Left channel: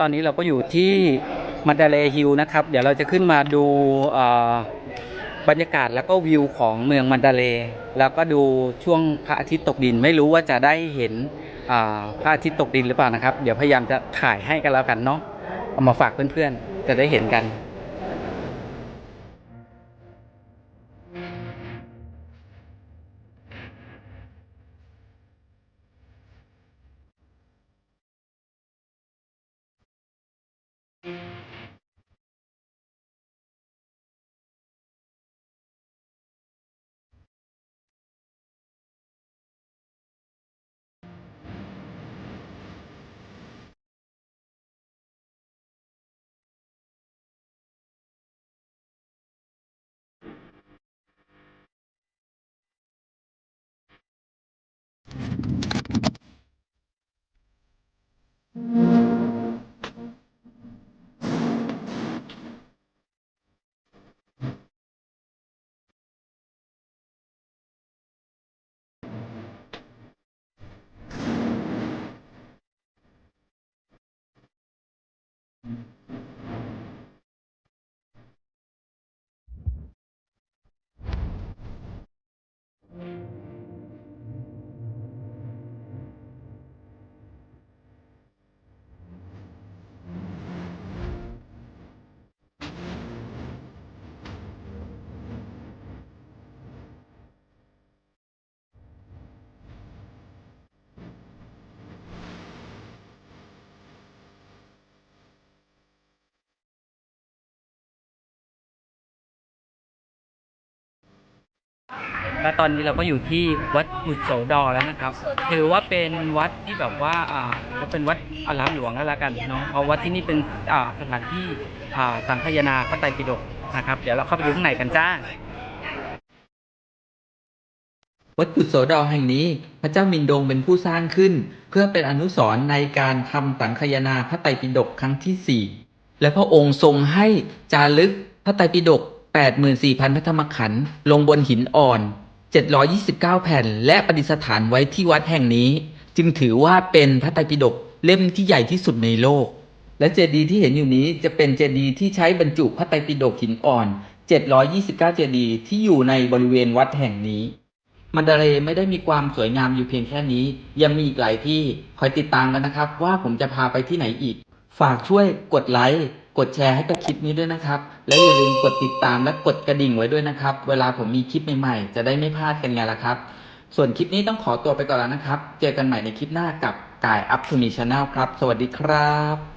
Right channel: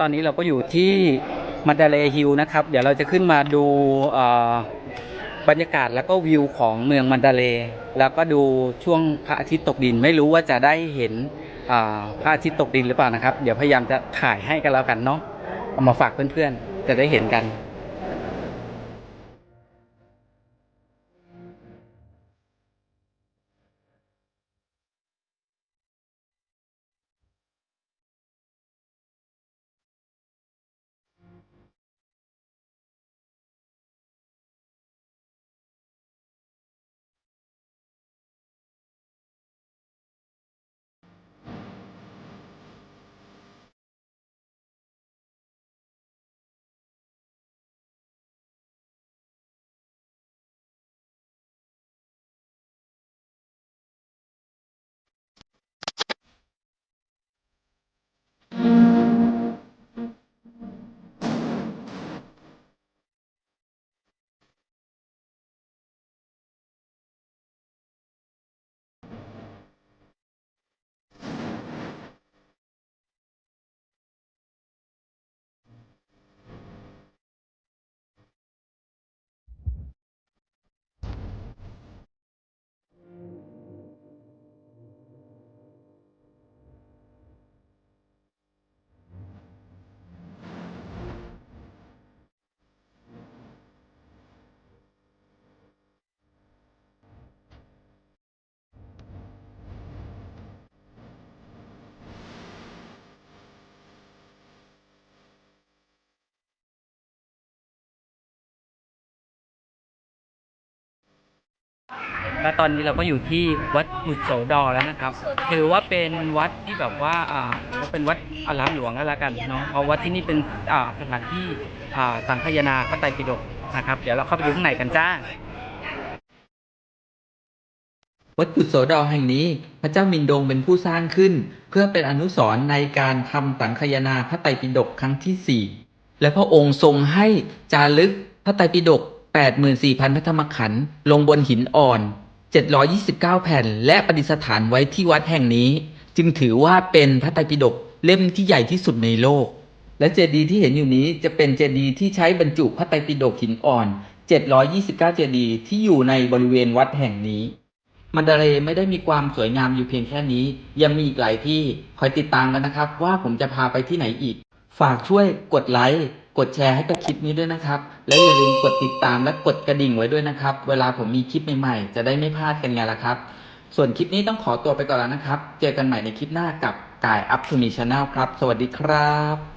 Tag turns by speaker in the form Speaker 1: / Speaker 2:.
Speaker 1: ตอนนี้เราก็อยู่ที่มันดาเลฮิลนะครับ เดี๋ยวเราจะขึ้นมาดูบรรยากาศแล้วก็วิวของเมืองมันดาเล แล้วก็ดูช่วงพระอาทิตย์ตกดินไม่รู้ว่าจะได้เห็นพระอาทิตย์ตกดินหรือเปล่านะครับ เดี๋ยวพยายามจะถ่ายให้กันแล้วกันเนาะเอามาฝากเพื่อนๆจะได้เห็นกัน และตอนนี้เราก็อยู่ที่วัดบุตรโสดรแล้วนะครับ ถือว่าเป็นวัดที่แบบว่าอ่าเป็นวัดอารามหลวงแล้วละกันเนาะเพราะวัดที่นี่เป็นอ่าสถานที่อ่าสังคายนาพระไตรปิฎกนะครับ เดี๋ยวเราเข้าไปดูข้างในกันจ้า
Speaker 2: วัดกุศโสดรแห่งนี้ พระเจ้ามินดงเป็นผู้สร้างขึ้น เพื่อเป็นอนุสรณ์ในการทำสังคายนาพระไตรปิฎกครั้งที่4และพระองค์ทรงให้จารึกพระไตรปิฎก84,000 พระธรรมขันธ์ลงบนหินอ่อน 729 แผ่น และประดิษฐานไว้ที่วัดแห่งนี้ จึงถือว่าเป็นพระไตรปิฎกเล่มที่ใหญ่ที่สุดในโลก และเจดีย์ที่เห็นอยู่นี้จะเป็นเจดีย์ที่ใช้บรรจุพระไตรปิฎกหินอ่อน 729 เจดีย์ที่อยู่ในบริเวณวัดแห่งนี้ มันดาเลย์ไม่ได้มีความสวยงามอยู่เพียงแค่นี้ ยังมีอีกหลายที่คอยติดตามกันนะครับ ว่าผมจะพาไปที่ไหนอีก ฝากช่วยกดไลค์ กดแชร์ให้กับคลิปนี้ด้วยนะครับ และอย่าลืมกดติดตามและกดกระดิ่งไว้ด้วยนะครับ เวลาผมมีคลิปใหม่ๆ จะได้ไม่พลาดกันไงล่ะครับ ส่วนคลิปนี้ต้องขอตัวไปก่อนแล้วนะครับ เจอกันใหม่ในคลิปหน้ากับกายอัพทูมีชาแนลครับ สวัสดีครับ